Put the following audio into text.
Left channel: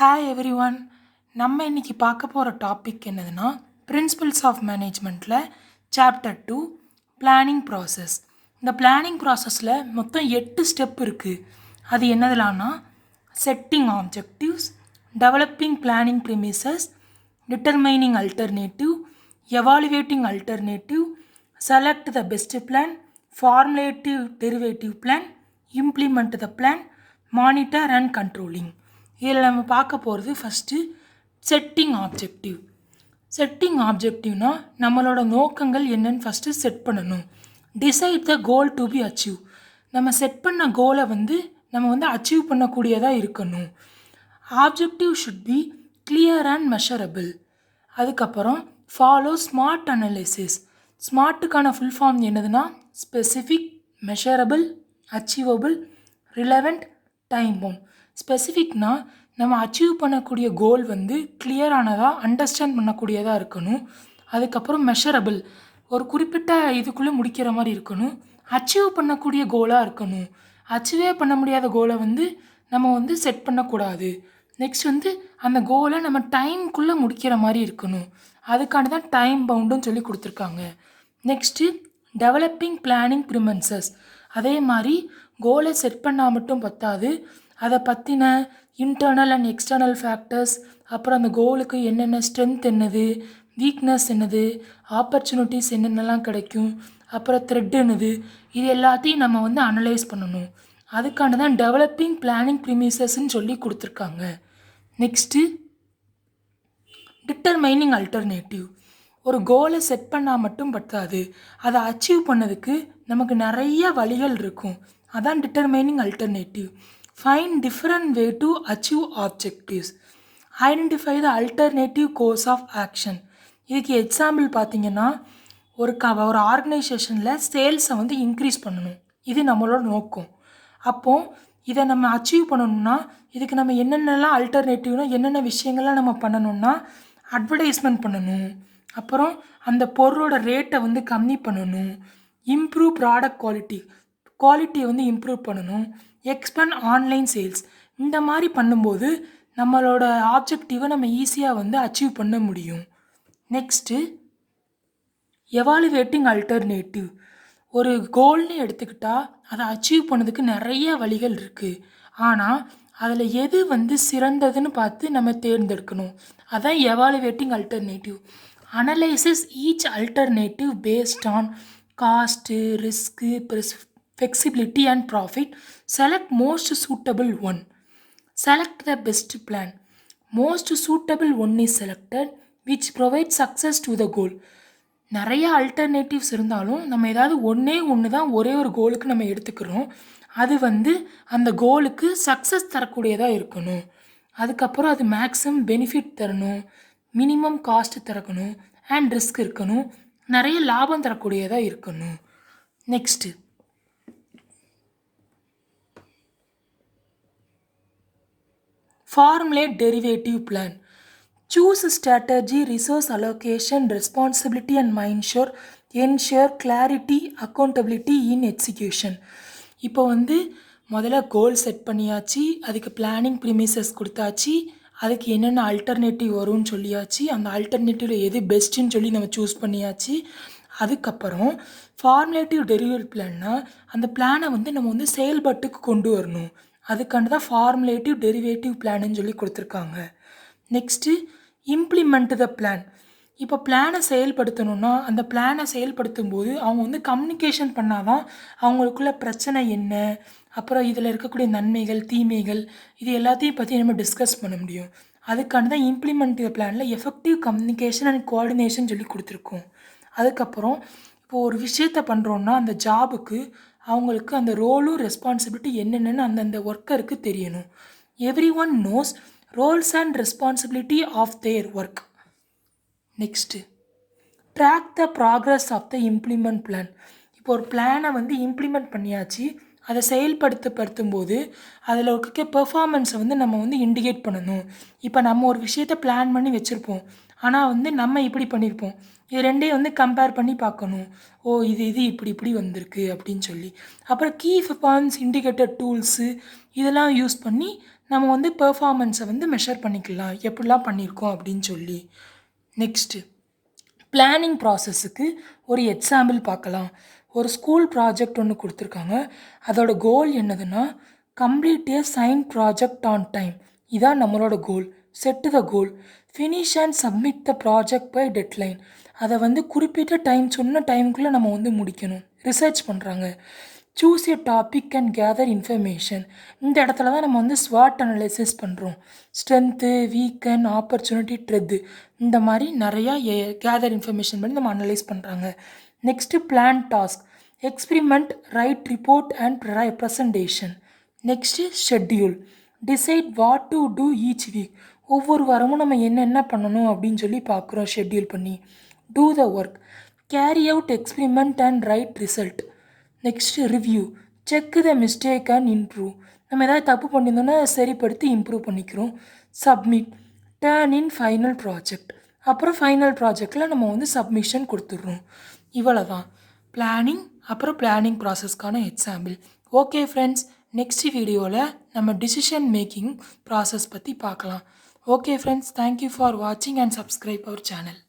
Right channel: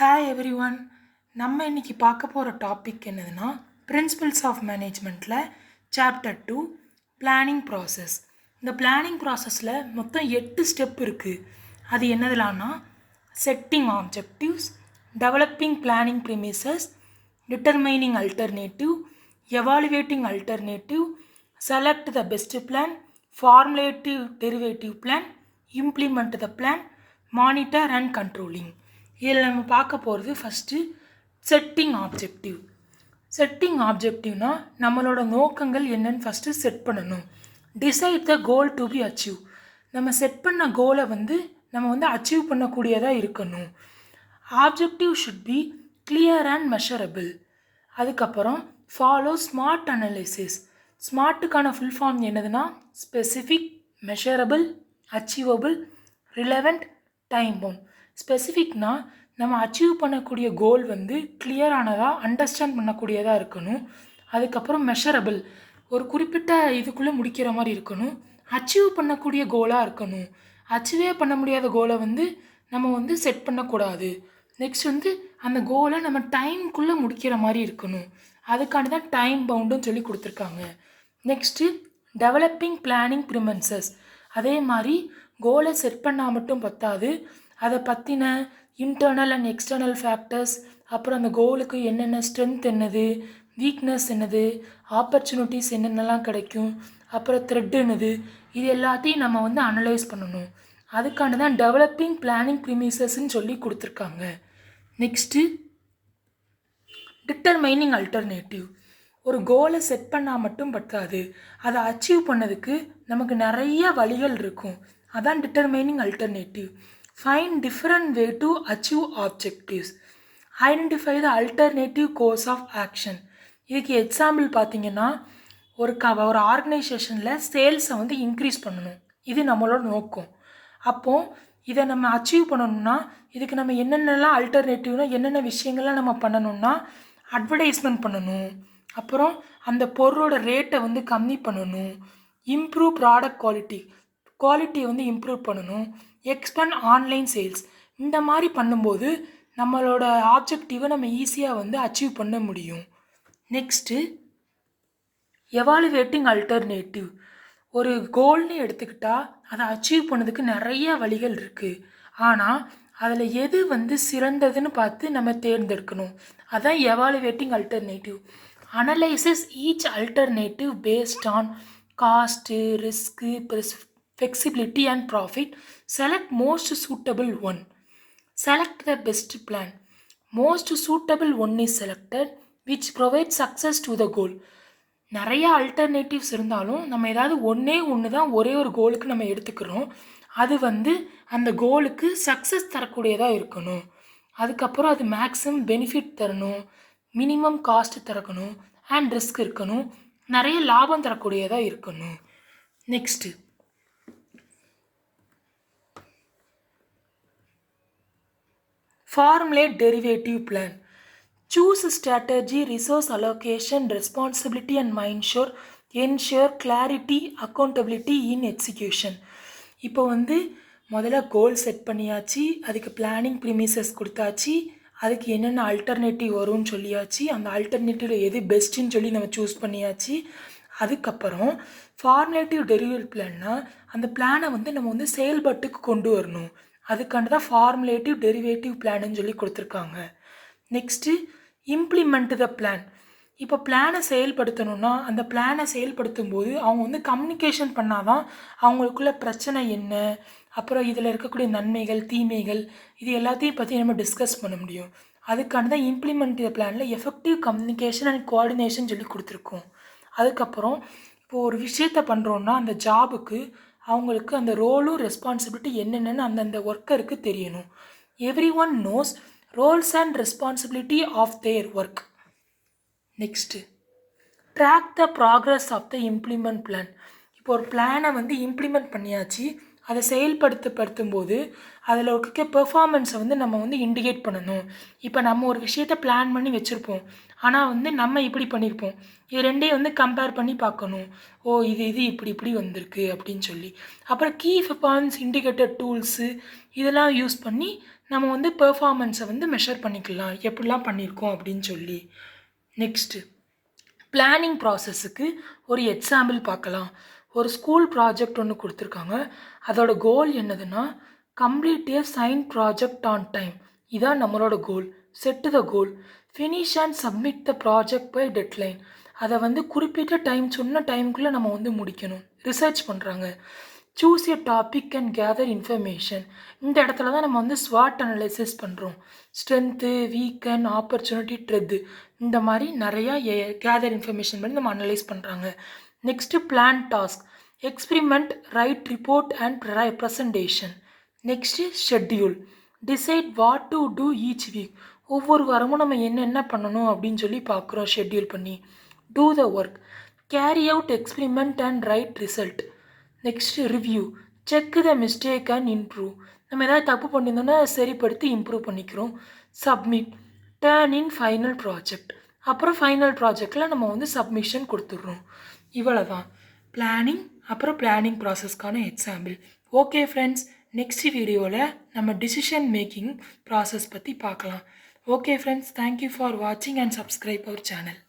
Hi every one. நம்ம இன்றைக்கி பார்க்க போகிற டாபிக் என்னதுன்னா பிரின்சிபல்ஸ் ஆஃப் மேனேஜ்மெண்ட்டில் சாப்டர் 2 பிளானிங் ப்ராசஸ். இந்த பிளானிங் ப்ராசஸில் மொத்தம் 8 ஸ்டெப் இருக்குது. அது என்னதுலான்னா setting objectives, developing planning premises, determining alternative, evaluating alternative, select the best plan, formulative derivative plan, implement the plan, monitor and controlling. இதில் நம்ம பார்க்க போகிறது ஃபஸ்ட்டு செட்டிங் ஆப்ஜெக்டிவ். செட்டிங் ஆப்ஜெக்டிவ்னா நம்மளோட நோக்கங்கள் என்னன்னு ஃபஸ்ட்டு செட் பண்ணணும். Decide the goal to be achieve. நம்ம செட் பண்ண கோலை நம்ம அச்சீவ் பண்ணக்கூடியதாக இருக்கணும். Objective should be clear and measurable. அதுக்கப்புறம் ஃபாலோ ஸ்மார்ட் அனலைசிஸ். ஸ்மார்ட்டுக்கான ஃபுல் ஃபார்ம் என்னதுன்னா specific, measurable, achievable, relevant, time bound. ஸ்பெசிஃபிக்னா நம்ம அச்சீவ் பண்ணக்கூடிய கோல் கிளியரானதாக அண்டர்ஸ்டாண்ட் பண்ணக்கூடியதாக இருக்கணும். அதுக்கப்புறம் மெஷரபிள், ஒரு குறிப்பிட்ட இதுக்குள்ளே முடிக்கிற மாதிரி இருக்கணும். அச்சீவ் பண்ணக்கூடிய கோலாக இருக்கணும். அச்சீவே பண்ண முடியாத கோலை நம்ம செட் பண்ணக்கூடாது. நெக்ஸ்ட் அந்த கோலை நம்ம டைம்குள்ளே முடிக்கிற மாதிரி இருக்கணும். அதுக்கான தான் டைம் பவுண்டுன்னு சொல்லி கொடுத்துருக்காங்க. Next developing planning premises. அதே மாதிரி கோலை செட் பண்ணால் மட்டும் பத்தாது, அதை பற்றின இன்டர்னல் அண்ட் எக்ஸ்டர்னல் ஃபேக்டர்ஸ், அப்புறம் அந்த கோலுக்கு என்னென்ன ஸ்ட்ரென்த் என்னது, வீக்னஸ் என்னது, ஆப்பர்ச்சுனிட்டிஸ் என்னென்னலாம் கிடைக்கும், அப்புறம் த்ரெட் என்னது, இது எல்லாத்தையும் நம்ம அனலைஸ் பண்ணணும். அதுக்கான தான் டெவலப்பிங் பிளானிங் ப்ரிமிசஸ்ன்னு சொல்லி கொடுத்துருக்காங்க. Next determining alternative. ஒரு கோலை செட் பண்ணால் மட்டும் பத்தாது, அதை அச்சீவ் பண்ணதுக்கு நமக்கு நிறைய வழிகள் இருக்கும். அதான் determining alternative. Find different way to achieve objectives. Identify the alternative course of action. இதுக்கு எக்ஸாம்பிள் பார்த்தீங்கன்னா ஒரு ஆர்கனைசேஷனில் சேல்ஸை இன்க்ரீஸ் பண்ணணும். இது நம்மளோட நோக்கம். அப்போது இதை நம்ம அச்சீவ் பண்ணணும்னா இதுக்கு நம்ம என்னென்னலாம் அல்டர்னேட்டிவ்னா என்னென்ன விஷயங்கள்லாம் நம்ம பண்ணணும்னா அட்வர்டைஸ்மெண்ட் பண்ணணும், அப்புறம் அந்த பொருளோட ரேட்டை கம்மி பண்ணணும், இம்ப்ரூவ் ப்ராடக்ட் குவாலிட்டியை இம்ப்ரூவ் பண்ணணும், எக்ஸ்பேண்ட் ஆன்லைன் சேல்ஸ். இந்த மாதிரி பண்ணும்போது நம்மளோட ஆப்ஜெக்டிவை நம்ம ஈஸியாக அச்சீவ் பண்ண முடியும். Next evaluating alternative. ஒரு கோல்னு எடுத்துக்கிட்டால் அதை அச்சீவ் பண்ணதுக்கு நிறைய வழிகள் இருக்குது. ஆனால் அதில் எது சிறந்ததுன்னு பார்த்து நம்ம தேர்ந்தெடுக்கணும். அதான் evaluating alternative. Analysis each alternative based on cost, risk, flexibility and profit. Select most suitable one. Select the best plan. Most suitable one is selected which provides success to the goal. நிறைய alternatives இருந்தாலும் நம்ம ஏதாவது ஒன்று தான் ஒரே ஒரு கோலுக்கு நம்ம எடுத்துக்கிறோம். அது அந்த கோலுக்கு சக்ஸஸ் தரக்கூடியதாக இருக்கணும். அதுக்கப்புறம் அது மேக்ஸிமம் பெனிஃபிட் தரணும், மினிமம் காஸ்ட் தரக்கணும், அண்ட் ரிஸ்க் இருக்கணும், நிறைய லாபம் தரக்கூடியதாக இருக்கணும். Next formulate derivative plan. Choose strategy, resource allocation, responsibility and ensure clarity, accountability in execution. இப்போ முதல்ல கோல் செட் பண்ணியாச்சு, அதுக்கு பிளானிங் ப்ரிமிசஸ் கொடுத்தாச்சு, அதுக்கு என்னென்ன அல்டர்னேட்டிவ் வரும்னு சொல்லியாச்சு, அந்த அல்டர்னேட்டிவில் எது பெஸ்ட்டுன்னு சொல்லி நம்ம சூஸ் பண்ணியாச்சு. அதுக்கப்புறம் ஃபார்முலேட்டிவ் டெரிவேட்டிவ் பிளான்னா அந்த பிளானை நம்ம செயல்பாட்டுக்கு கொண்டு வரணும். அதுக்காண்டி தான் ஃபார்முலேட்டிவ் டெரிவேட்டிவ் பிளான்னு சொல்லி கொடுத்துருக்காங்க. Next implement the plan. இப்போ பிளானை செயல்படுத்தணுன்னா அந்த பிளானை செயல்படுத்தும் போது அவங்க கம்யூனிகேஷன் பண்ணால் தான் அவங்களுக்குள்ள பிரச்சனை என்ன, அப்புறம் இதில் இருக்கக்கூடிய நன்மைகள், தீமைகள், இது எல்லாத்தையும் பற்றி நம்ம டிஸ்கஸ் பண்ண முடியும். அதுக்காண்டி தான் இம்ப்ளிமெண்ட் த பிளானில் எஃபெக்டிவ் கம்யூனிகேஷன் அண்ட் கோஆர்டினேஷன் சொல்லி கொடுத்துருக்கோம். அதுக்கப்புறம் இப்போது ஒரு விஷயத்தை பண்ணுறோன்னா அந்த ஜாபுக்கு அவங்களுக்கு அந்த ரோலும் ரெஸ்பான்சிபிலிட்டி என்னென்னு அந்தந்த ஒர்க்கருக்கு தெரியணும். Every one knows roles and responsibility of their work. Next track the progress of the implement plan. இப்போ ஒரு பிளானை இம்ப்ளிமெண்ட் பண்ணியாச்சு, அதை செயல்படுத்தும் போது அதில் இருக்க பெர்ஃபார்மன்ஸை நம்ம இண்டிகேட் பண்ணணும். இப்போ நம்ம ஒரு விஷயத்தை பிளான் பண்ணி வச்சுருப்போம், ஆனால் நம்ம இப்படி பண்ணியிருப்போம், இது ரெண்டையும் கம்பேர் பண்ணி பார்க்கணும். ஓ இது இப்படி வந்திருக்கு அப்படின்னு சொல்லி. அப்புறம் கீ பெர்ஃபார்மன்ஸ் இண்டிகேட்டர் டூல்ஸு இதெல்லாம் யூஸ் பண்ணி நம்ம வந்து பெர்ஃபார்மன்ஸை வந்து மெஷர் பண்ணிக்கலாம் எப்படிலாம் பண்ணியிருக்கோம் அப்படின்னு சொல்லி. நெக்ஸ்ட்டு பிளானிங் ப்ராசஸுக்கு ஒரு எக்ஸாம்பிள் பார்க்கலாம். ஒரு ஸ்கூல் ப்ராஜெக்ட் ஒன்று கொடுத்துருக்காங்க. அதோட கோல் என்னதுன்னா complete assign project on time. இதான் நம்மளோட goal. Set the goal, finish and submit the project by deadline. அதை வந்து குறிப்பிட்ட டைம் சொன்ன டைமுக்குள்ளே நம்ம வந்து முடிக்கணும். ரிசர்ச் பண்ணுறாங்க. Choose a topic and gather information. இந்த இடத்துல தான் நம்ம வந்து ஸ்வாட் அனலைசிஸ் பண்ணுறோம். ஸ்ட்ரென்த்து, வீக்கன், ஆப்பர்ச்சுனிட்டி, ட்ரெத்து, இந்த மாதிரி நிறையா கேதர் இன்ஃபர்மேஷன் பண்ணி நம்ம அனலைஸ் பண்ணுறாங்க. Next plan task, experiment, write report and presentation. Next schedule, decide what to do each week. ஒவ்வொரு வாரமும் நம்ம என்னென்ன பண்ணணும் அப்படின்னு சொல்லி பார்க்குறோம் ஷெட்யூல் பண்ணி. Do the work, carry out experiment and write result. Next review, check the mistake and improve. நம்ம எதாவது தப்பு பண்ணியிருந்தோன்னா சரிப்படுத்தி இம்ப்ரூவ் பண்ணிக்கிறோம். Submit, turn in final project. அப்புறம் ஃபைனல் ப்ராஜெக்டில் நம்ம வந்து சப்மிஷன் கொடுத்துட்றோம். இவ்வளோ தான் பிளானிங், அப்புறம் பிளானிங் ப்ராசஸ்க்கான எக்ஸாம்பிள். ஓகே ஃப்ரெண்ட்ஸ், நெக்ஸ்ட் வீடியோவில் நம்ம டிசிஷன் மேக்கிங் ப்ராசஸ் பற்றி பார்க்கலாம். ஓகே ஃப்ரெண்ட்ஸ், தேங்க்யூ ஃபார் வாட்சிங் அண்ட் சப்ஸ்கிரைப் அவர் சேனல்.